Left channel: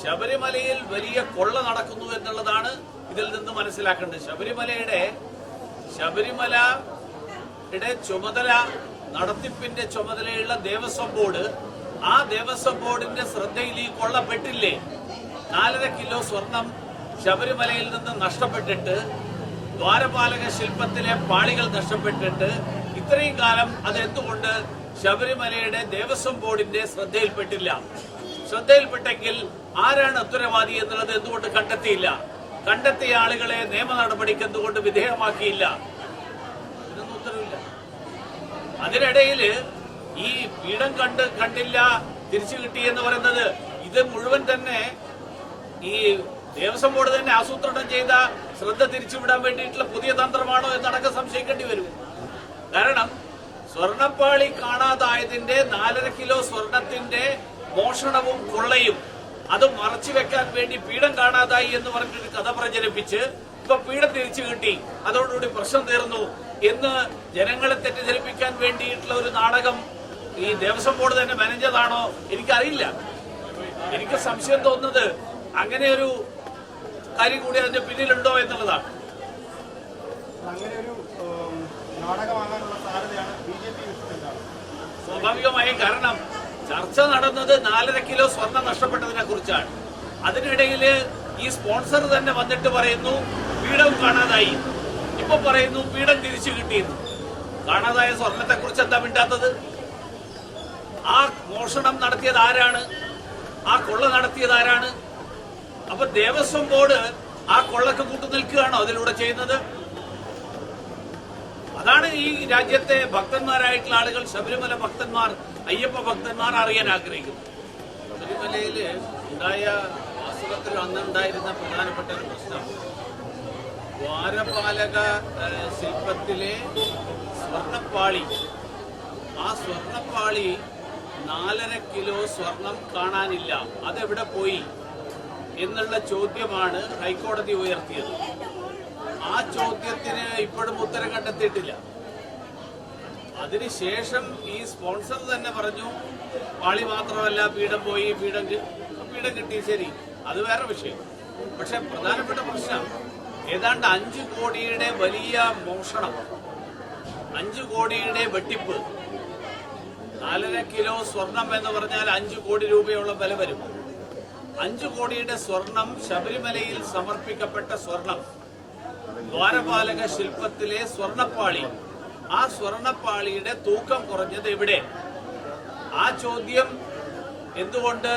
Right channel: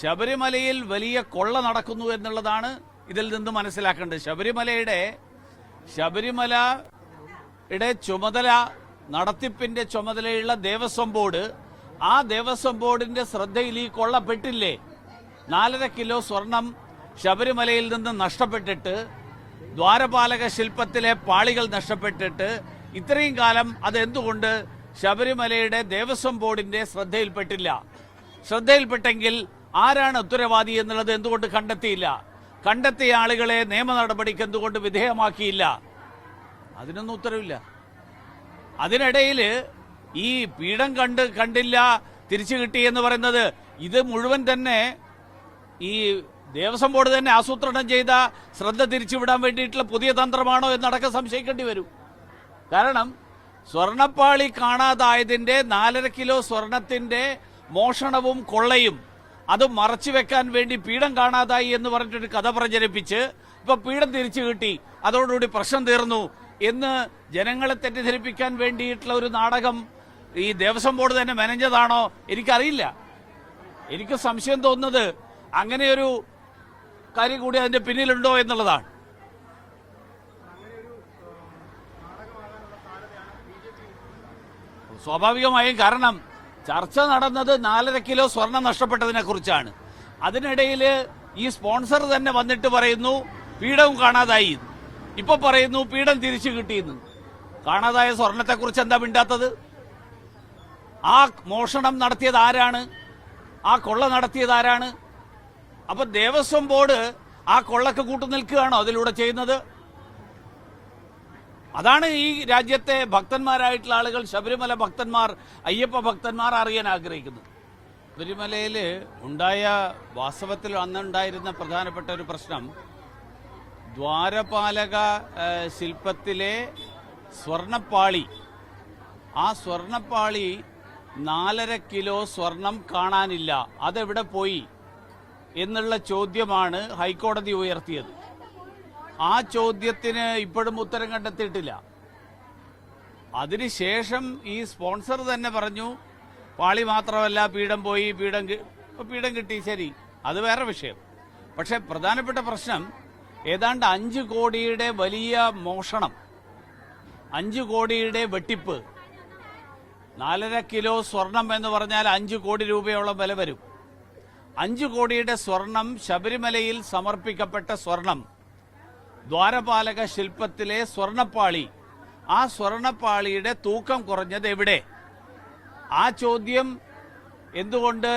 ശബരിമലയിൽ വലിയ കൊള്ള നടക്കുന്നു എന്നുള്ളതാണ് ഇതിൽ നിന്ന് മനസ്സിലാക്കേണ്ടത്. ശബരിമലയുടെ ചുമതല, നടത്തിപ്പിന്റെ ചുമതലയുള്ള ദേവസ്വം ബോർഡ്, ആ ദേവസ്വം ബോർഡിന്റെ ശ്രദ്ധയിൽ ഈ കൊള്ളപ്പെട്ടില്ലേ? 4.5 കിലോ സ്വർണം ശബരിമലയിൽ നിന്ന് നഷ്ടപ്പെട്ടിട്ട്, ദ്വാരപാലക ശില്പത്തിലെ പാളികൾ നഷ്ടപ്പെട്ടിട്ട് ഇത്രയും കാലം അതെന്തുകൊണ്ട് ശബരിമലയുടെ ദേവസ്വം ബോർഡിന്റെ ശ്രദ്ധയിൽപ്പെട്ടില്ല? ശ്രദ്ധയിൽപ്പെട്ടെങ്കിൽ ആരാണ് ഉത്തരവാദി എന്നുള്ളത് എന്തുകൊണ്ട് കണ്ടെത്തിയില്ല? കണ്ടെത്തിയ ആളുകളെ നിയമ നടപടിക്ക് എന്തുകൊണ്ട് വിധേയമാക്കിയില്ല? അതിനൊന്നും ഉത്തരവില്ല. അതിനിടയിൽ ഈ പീഠം കണ്ടില്ല തിരിച്ചു കിട്ടി എന്ന് പറയുന്നത്, ഇത് മുഴുവൻ തന്നെ ഈ ദേവസ്വം ബോർഡ് തന്നെ ആസൂത്രണം ചെയ്ത ശ്രദ്ധ തിരിച്ചുവിടാൻ വേണ്ടിയിട്ടുള്ള പുതിയ തന്ത്രമാണോ എന്നടക്കം സംശയിക്കേണ്ടി വരും. കാരണം സ്വർണപ്പാളി കാണാതായതിന്റെ 4.5 കിലോ സ്വർണത്തിന്റെ മോഷണവും കൊള്ളയും അത് മറച്ചുവെക്കാൻ വേണ്ടി പീഠം കാണാതായി എന്ന് പറഞ്ഞിട്ടൊരു കഥ പ്രചരിപ്പിച്ച് ഇപ്പൊ പീഠം തിരിച്ചു കിട്ടി, അതോടുകൂടി പ്രശ്നം തീർന്നു എന്ന് ജനങ്ങളെ തെറ്റിദ്ധരിപ്പിക്കാൻ വേണ്ടിയിട്ടുള്ള ഒരു നാടകം ഈ ദേവസ്വം ബോർഡ് തന്നെ മെനഞ്ഞതാണോ എനിക്കറിയില്ല. എനിക്ക് സംശയം തോന്നുന്നത് അങ്ങനെയൊരു കാര്യം കൂടി അതിന്റെ പിന്നിലുണ്ടോ എന്നുള്ളതാണ്. സ്വാഭാവികമായും, കാരണം ചർച്ച നടന്നത് 4.5 കിലോ സ്വർണം നഷ്ടപ്പെട്ടതിനെ കുറിച്ചാണ്. അതിനിടയിൽ ഈ സ്പോൺസർ തന്നെ വന്നിട്ട് പറയുന്നു പീഠവും കാണാതായി, ഇപ്പൊ പറയുന്നു പീഠം തിരിച്ചു കിട്ടിയെന്ന്. കാണാതായ സ്വർണത്തെ കുറിച്ച് എന്താ മിണ്ടാത്തത്? ആ മോഷണം നടത്തിയത് ആരാണ്? ആ കൊള്ള നടത്തിയത് ആരാണ്? അപ്പൊ ദേവസ്വം ബോർഡ് ആ കൊള്ളക്ക് കൂട്ടുനിൽക്കുകയാണോ അതിലൂടെ ചെയ്യുന്നത്? അതാണ് ഈ രാജ്യത്തെ ഭക്തന്മാരായിട്ടുള്ള ആളുകൾ, ശബരിമല ഭക്തന്മാർ, അയ്യപ്പ ഭക്തന്മാർ അറിയാൻ ആഗ്രഹിക്കുന്നു. ശബരിമലയില് ഉണ്ടായ, വാസ്തവത്തിൽ അന്നുണ്ടായിരുന്ന പ്രധാനപ്പെട്ട ഒരു പ്രശ്നം, ദ്വാരപാലക ശില്പത്തിലെ സ്വർണപ്പാളി, ആ സ്വർണപ്പാളി 4.5 കിലോ സ്വർണം കാണാനില്ല, അതെവിടെ പോയി എന്നുള്ള ചോദ്യമാണ് ഹൈക്കോടതി ഉയർത്തിയത്. ആ ചോദ്യത്തിന് ഇപ്പോഴും ഉത്തരം കണ്ടെത്തിയിട്ടില്ല. അതിനുശേഷം ഈ സ്പോൺസർ തന്നെ പറഞ്ഞു പാളി മാത്രമല്ല പീഠം പോയി, പീഠം കിട്ടി, ശരി, അത് വേറെ വിഷയം. പക്ഷെ പ്രധാനപ്പെട്ട പ്രശ്നം ഏതാണ്ട് 5 കോടിയുടെ വലിയ മോഷണം, 5 കോടിയുടെ വെട്ടിപ്പ്. 4.5 കിലോ സ്വർണം എന്ന് പറഞ്ഞാൽ 5 കോടി രൂപയോളം വില വരും. 5 കോടിയുടെ സ്വർണം, ശബരിമലയിൽ സമർപ്പിക്കപ്പെട്ട സ്വർണം, ദ്വാരപാലക ശില്പത്തിലെ സ്വർണപ്പാളി, ആ സ്വർണപ്പാളിയുടെ തൂക്കം കുറഞ്ഞത് എവിടെ? ആ ചോദ്യം എന്തുകൊണ്ട്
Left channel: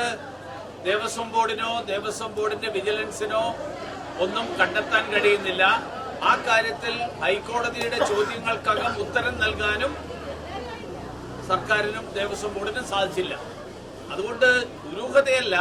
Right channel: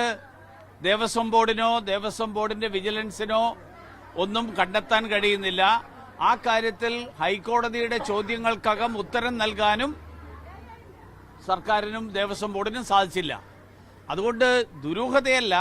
ദേവസ്വം ബോർഡിനോ ദേവസ്വം ബോർഡിന്റെ വിജിലൻസിനോ ഒന്നും കണ്ടെത്താൻ കഴിയുന്നില്ല? ആ കാര്യത്തിൽ ഹൈക്കോടതിയുടെ ചോദ്യങ്ങൾക്കകം ഉത്തരം നൽകാനും സർക്കാരിനും ദേവസ്വം ബോർഡിനും സാധിച്ചില്ല. അതുകൊണ്ട് ദുരൂഹതയല്ല,